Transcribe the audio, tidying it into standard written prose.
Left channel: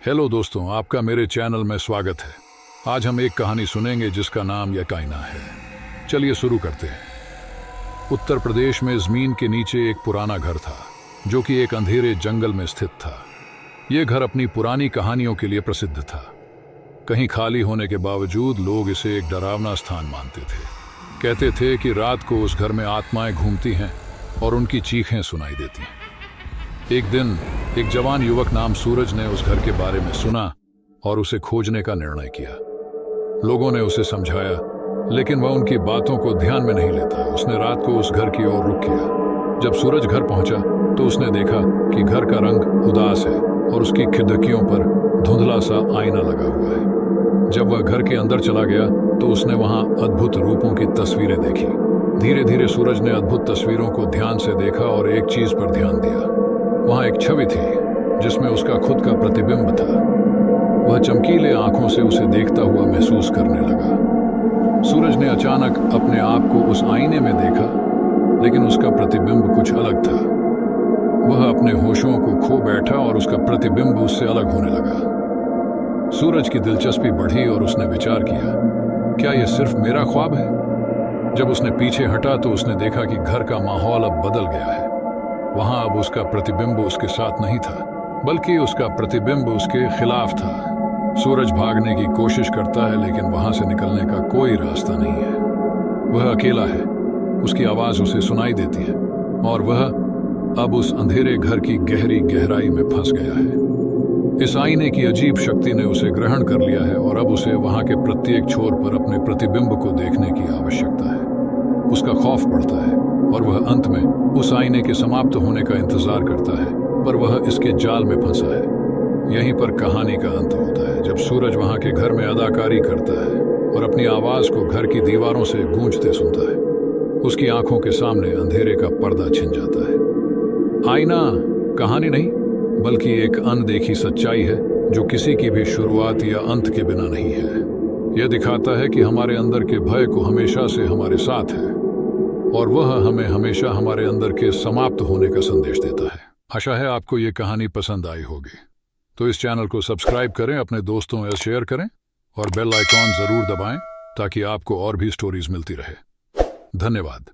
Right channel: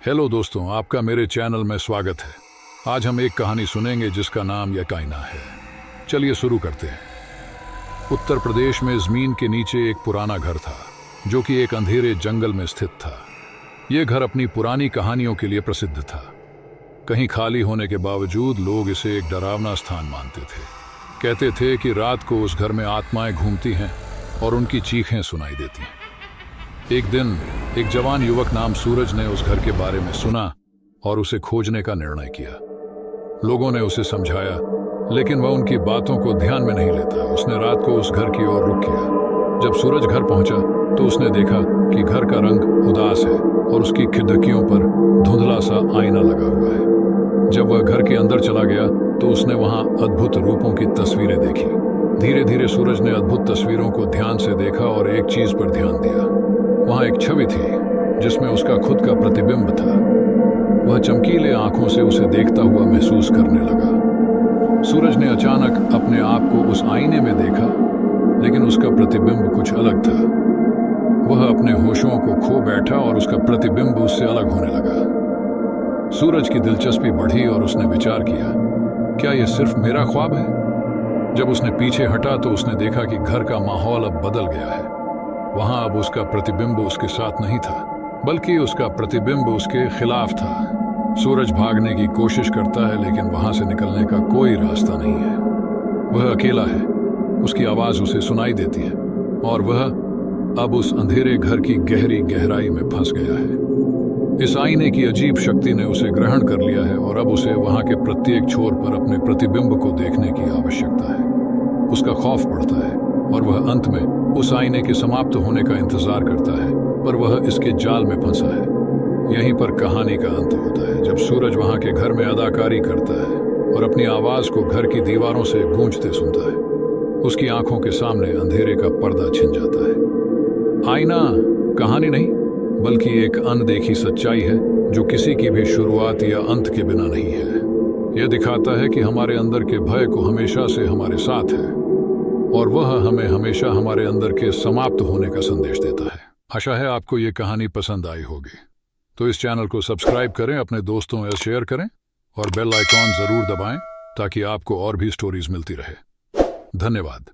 Hello दोस्तों, आपका मेरे चैनल में स्वागत है। आज हम एक कहानी सुनेंगे जिसका नाम यकाइना है। चलिए शुरू करते हैं। उत्तर प्रदेश में ज़मीन के नीचे एक पुराना घर था जो कि एक अंधेरे जंगल में स्थित था। यह घर अपनी पुरानी कहानियों के लिए प्रसिद्ध था। कहीं खाली होने के बावजूद लोग इसे एक डरावना स्थान मानते थे। कहते थे कि रात को उस घर में आत्माएं घूमती हैं और उनकी चीखें सुनाई देती हैं। एक दिन एक जवान युवक नाम सूरज ने उस घर के बारे में सुना और उसे खोजने का निर्णय किया। लोगों ने उसे समझाया, लेकिन वह उनकी बातों को ध्यान में नहीं लेता। उसने रात को उस घर की ओर रुख किया। जब सूरज घर पहुंचा तो उसने देखा कि घर का रंग उदास है और उसकी खिड़कियों पर धुंधला सा आईना लगा हुआ है। जब वह घर के अंदर चला गया तो उसने वहां अद्भुत रूपों की तस्वीरें देखी। धीरे धीरे सूरज ने अद्भुत तस्वीरों को ध्यान से देखा और एक चीज पर ध्यान दिया। वहां एक छवि थी जिसमें उसका खुद का प्रतिबिंब था। वह चमकीले आंखों से उसे देखता हुआ महसूस करने लगा। सूरज ने अचानक अपने आप को उस आईने में देखा, लेकिन उसका प्रतिबिंब कुछ अलग था। वह अपने होशों को खो बैठा और उसका प्रतिबिंब उससे अलग होने लगा। सूरज की दिलचस्पी बढ़ी और उसने विचार किया, क्या यह सिर्फ मेरा ख्वाब है? जब उसने पीछे हटा तो उसने देखा कि घर का माहौल अब बदल गया है। वहां अब उसका प्रतिबिंब उसके साथ नहीं था, बल्कि उसका प्रतिबिंब उसके खिलाफ था। सूरज भागने की कोशिश करता है, लेकिन वहां से निकलने का कोई रास्ता नहीं है। वह अकेला है, उसकी आवाज उसे सुनाई देती है और वह अब उस अंधेरे घर की गहरी गहराई में फंस गया है। इस आईने की अजीब शक्ति ने उसे ग्रहण कर लिया है और अब उसे वहां के प्रत्येक छोर पर अपने प्रतिबिंब को देखने की आवश्यकता है। उसका खौफ बढ़ता है और वह अंत में उस आईने के समाप्त होने का इंतजार करता है, पर वह इसके जाल में फंसा है। यहीं पर कहानी का अंत होता है, जब सूरज वहां के घर में अदाकारी करता है और अपनी आवाज को घर की दीवारों से गूंजते सुनता है। उसकी आंखों के सामने अंधेरे का पर्दा छिन जाता है। आईना कहानी नहीं, बल्कि एक अनदेखी सच्चाई है जो किसी की भी शुरुआत या अंत के बिना नहीं है। यह दिखाता है कि हमारे अंदर के भय को हमेशा से हमारे साथ है और वह हमें हमेशा हमारे अंदर के समाप्त होने का संदेश देता है। आशा है आपको ये कहानी पसंद आई होगी। तो इस चैनल को सब्सक्राइब करें, अपने दोस्तों से शेयर करें और बेल आइकॉन जरूर दबाएं ताकि आपको और भी स्टोरीज मिलती रहे। धन्यवाद।